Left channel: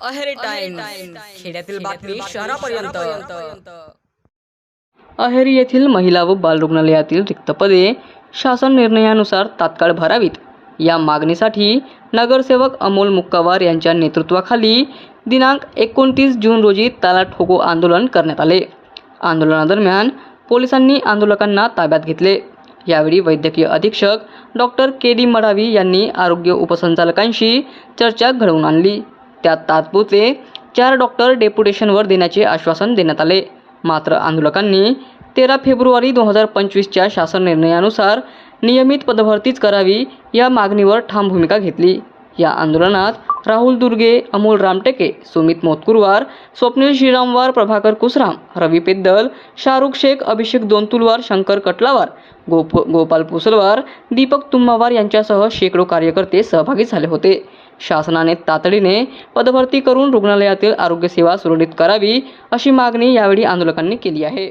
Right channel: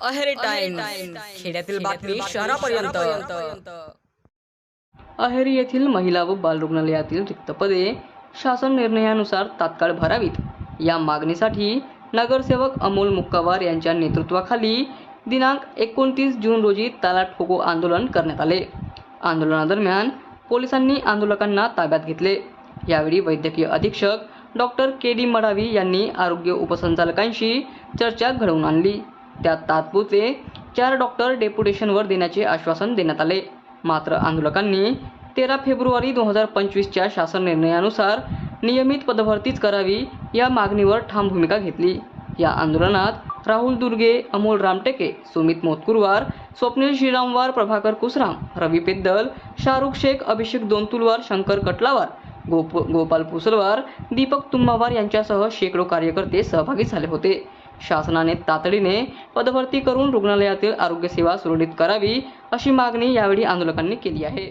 Aheri times, खेड्यातील बातमी शहरापर्यंत। अहेरी येथील महिला व बाल रुग्णालयातील रिक्त पदे शासन निर्णयानुसार तात्काळ भरावीत या मागणीसाठी नगरसेवक अमोल मुक्कावार यांच्या नेतृत्वाखाली दिनांक 29 जून रोजी ताला ठोको आंदोलन करण्यात आले। आंदोलनादरम्यान पोलिसांनी आंदोलकांना ताब्यात घेतले। यावेळी वैद्यकीय अधीक्षक डॉक्टर के.डी. मडावी यांनी आरोग्य उपसंचालकांशी चर्चा घडवून आणली। त्यात तात्पुरते 4 डॉक्टर डेप्युटेशनवर देण्याचे आश्वासन देण्यात आले। मात्र आंदोलकांनी 13 फेब्रुवारी 2025च्या शासन निर्णयानुसार नियमित पदभरतीच करावी या मागणीवर ठाम भूमिका घेतली। या आंदोलनात राहुल दुर्गे, अमोल रामटेके, सुमित मोतकुरवार, स्वप्नील श्रीरामवार, प्रभाकर कुसराम, रवी पेद्दल, शाहरुख शेख, अभिषेक दोनतुलवार, शंकर कटलावार, गोपाल पुसलवार, दीपक तुम्मावार यांच्यासह शेकडो कार्यकर्ते सहभागी झाले होते। शासनाने तातडीने पदभरती करून रुग्णालयातील आरोग्य सेवा सुरळीत करावी अशी मागणी यावेळी आंदोलकांनी केली आहे।